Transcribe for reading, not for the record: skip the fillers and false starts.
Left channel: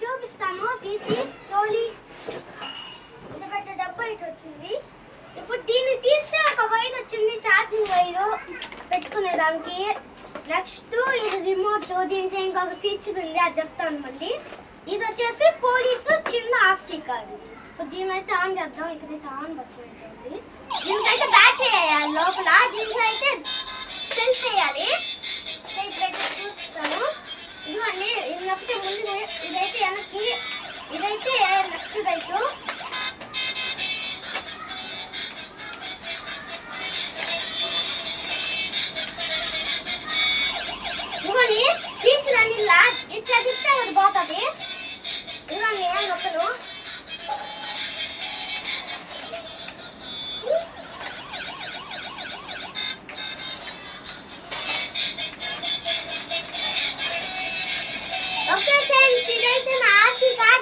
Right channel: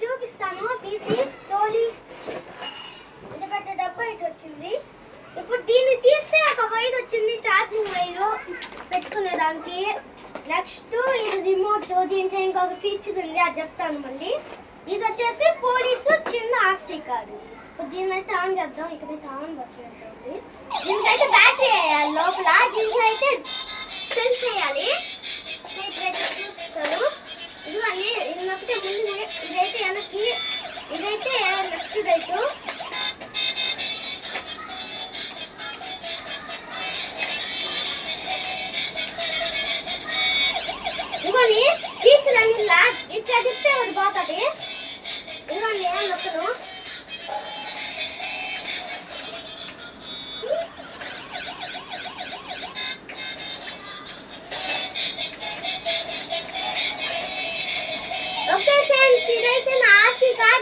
చూపిస్తాను తీసి తోలి ఎందుకంటే డబ్బా ఇటు వచ్చింది. ఇప్పుడు దీన్ని తీస్తే ఒక వైర్ వచ్చింది, ఛార్జింగ్ వైరు పెట్టుకునే దానికి. నెక్స్ట్ ఇది రిమోట్, దీంట్లో ఇంకొక ఫీచర్ ఉంది, అది చెప్తాను మళ్ళీ. ఇది వచ్చేసి పోలీసు చిన్న ఆర్సీ కార్డు. ఇప్పుడు దీనైతే ఆన్ చేద్దాం. ఇక్కడైతే ఆన్ బటన్ ఉంటుంది. దీనికైతే బ్యాటరీ వేయాలి లోపల, దీంట్లో అయితే సెల్స్ వేయాలి. ఇక్కడైతే చూపిస్తాను. ఇదివన్నీ ఇది నొక్కితే ముందు, ఇదైతే వెనక్కి, ఇదైతే లెఫ్ట్ రైట్. ఇవన్నీ ఫీచర్ అన్ని ఇట్లా తిప్పితే ఒకటి పోతుంది. ఇవన్నీ నొక్కను. ఓకే ఫ్రెండ్స్, ఇదైతే నా ఆర్సీ కార్డ్.